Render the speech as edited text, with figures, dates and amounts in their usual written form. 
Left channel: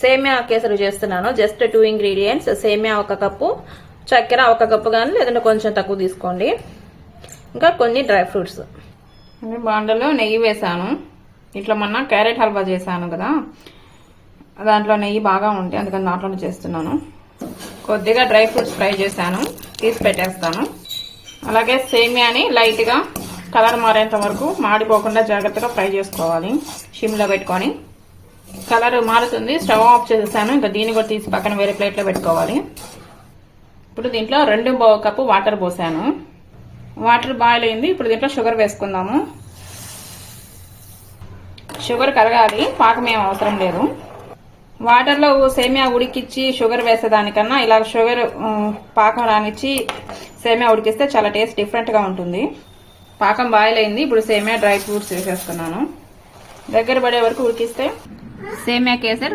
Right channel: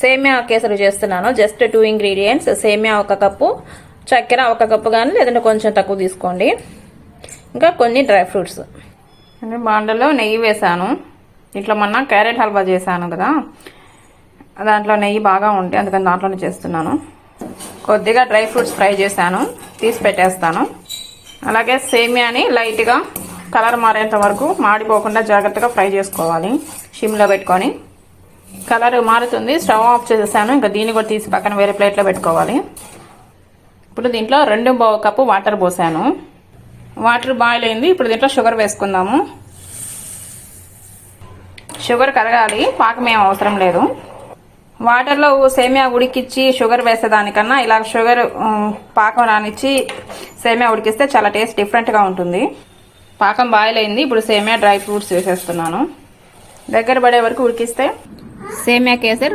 సేమియా కేసరి చేస్తున్నాను. Just 2 ingredients. సేమియా 1 కప్పు, చక్కెర 1 కప్పు కానీ లేదంటే కొంచెం తక్కువ తీసుకోండి. ఇంకా కొన్ని డ్రై ఫ్రూట్స్. బాండలో నెయ్యి వేసాను. ఇట్లా మొన్న క్యారెట్ హల్వా చేశాను కదా, దాంట్లో నెయ్యి బాగా ఉంటే అందుకని దాంట్లోనే చేస్తున్నాను. కొద్దిగా డ్రై ఫ్రూట్స్ ఫ్రై చేశాను, తీసి పెట్టేస్తాను. అలాగే సేమియాని లైట్గా కలర్ మారేంత వరకు మాడిపోకుండా జాగ్రత్తగా ఫ్రై చేసుకోవాలి. సిమ్లో పెట్టుకొని. కలర్ మారుతుంది, స్టవ్ ఆఫ్ చేసేసాను. ఇంకా దీన్ని కూడా తీసి పక్కన వేరే ప్లేట్లో పెట్టుకోవాలి. ఇప్పుడు దీంట్లో 2 కప్పు వాటర్ పోసాను. వాటర్ బాయిల్ అయింది. ఇప్పుడు దీంట్లో షుగర్ వేసుకుందాము. షుగర్ కరగాలి, పాకం ఏం అవసరం లేదు. వాటర్లో సేమియా ఉడికిచ్చి షుగర్ వేసేదానికన్నా ఇలా షుగర్ పాకం రానిచ్చి సేమియా ఉడికిస్తే చాలా టేస్ట్ డిఫరెంట్గా ఉంటుంది. పాకం బాయిల్ అయింది. ఇప్పుడు సేమియా డ్రై ఫ్రూట్స్ వేసేస్తున్నాను. దగ్గర పడే వరకు ఉడికిస్తే సేమియా కేసరి